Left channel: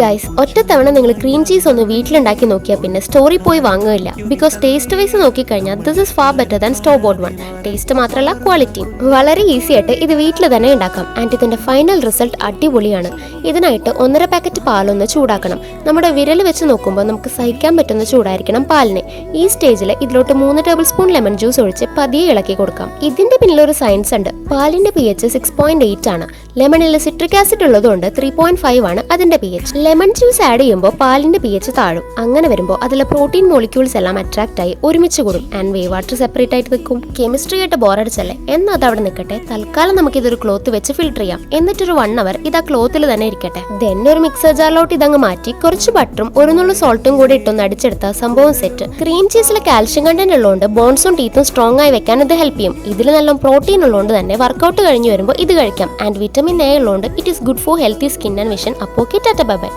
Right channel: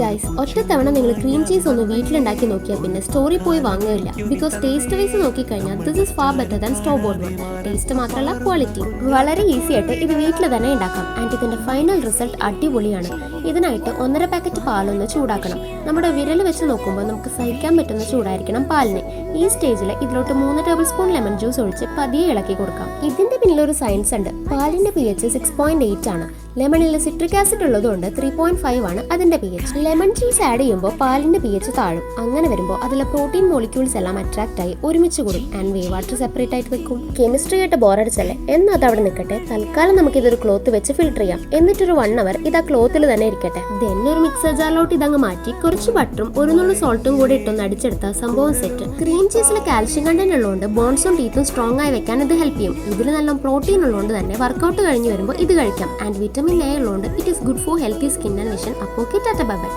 Guys, ഒറ്റത്തവണ നിങ്ങൾ cream cheese ഒന്ന് വീട്ടിലുണ്ടാക്കി നോക്കിയാൽ പിന്നെ സ്റ്റോറിൽ പോയി വാങ്ങുകയില്ല. ബിക്കോസ് ടേസ്റ്റ് വൈസ് നോക്കിക്കഴിഞ്ഞാൽ this is far better than store boat one. Taste മാത്രമല്ല ക്വാളിറ്റി. വളരെ ഈസി ആയിട്ട് ഇത് വീട്ടിൽ തന്നെ ഉണ്ടാക്കാം. ആൻഡ് ഇതിന്റെ ഫൈനൽ റിസൾട്ട് അടിപൊളിയാണ്. ഇതിനായിട്ട് 1.5 പാക്കറ്റ് പാലൊന്ന് ചൂടാക്കണം. നമ്മുടെ വിരൽ വെച്ച് നോക്കുമ്പോൾ നമുക്ക് സഹിക്കാൻ പറ്റുന്ന ചൂടായിരിക്കണം പാലിന്. ഈ സ്റ്റേജിൽ ഇതിലോട്ട് 3 ടേബിൾ സ്പൂൺ ലെമൺ ജ്യൂസ് ഒഴിച്ച് പതിയെ ഇളക്കി കൊടുക്കാം. ഇതിന്റെ പിന്നിലൊരു സയൻസ് ഉണ്ട്. പാലിന്റെ pH 6.8 ആണ്. ലെമണിൽ സിട്രിക് ആസിഡ് ഉള്ളതുകൊണ്ട് 3.5 ആണ് അതിന്റെ pH. ലെമൺ ജ്യൂസ് ആഡ് ചെയ്യുമ്പോൾ പാലിന്റെ pH താഴും. അങ്ങനെ വരുമ്പോൾ അതിലെ പ്രോട്ടീൻ മോളിക്യൂൾസ് എല്ലാം അട്രാക്ട് ആയി ഒരുമിച്ച് കൂടും. ആൻഡ് വേ വാട്ടർ സെപ്പറേറ്റ് ആയിട്ട് നിൽക്കും. കെമിസ്ട്രി ആയിട്ട് ബോറടിച്ചല്ലേ എന്നാൽ അത് അവിടെ നിൽക്കട്ടെ. തൽക്കാലം നമുക്ക് ഇതൊരു ക്ലോത്ത് വെച്ച് ഫിൽറ്റർ ചെയ്യാം. എന്നിട്ടൊരു 1 അവർ ഇത് ആ ക്ലോത്തിൽ തന്നെ ഇരിക്കട്ടെ. ദെൻ ഒരു മിക്സർ ജാറിലോട്ട് ഇതങ്ങ് മാറ്റി കുറച്ച് ബട്ടറും ഒരു നുള്ള സോൾട്ടും കൂടി ഇട്ടൊന്ന് അടിച്ചെടുത്ത സംഭവം സെറ്റ്. ക്രീം ചീസിൽ കാൽഷ്യം കണ്ടന്റ് ഉള്ളതുകൊണ്ട് ബോൺസും ടീത്തും സ്ട്രോങ് ആയി വെക്കാൻ ഇത് ഹെൽപ്പ് ചെയ്യും. ഇതിൽ നല്ല പ്രോട്ടീൻ ഉള്ളതുകൊണ്ട് തന്നെ വർക്കൗട്ട് കഴിഞ്ഞ് വരുമ്പോൾ ഇത് കഴിക്കാം. ആൻഡ് വിറ്റമിൻ എ ഉള്ളതുകൊണ്ട് it is good for healthy skin and vision. അപ്പോൾ ടാറ്റ ബൈ ബൈ.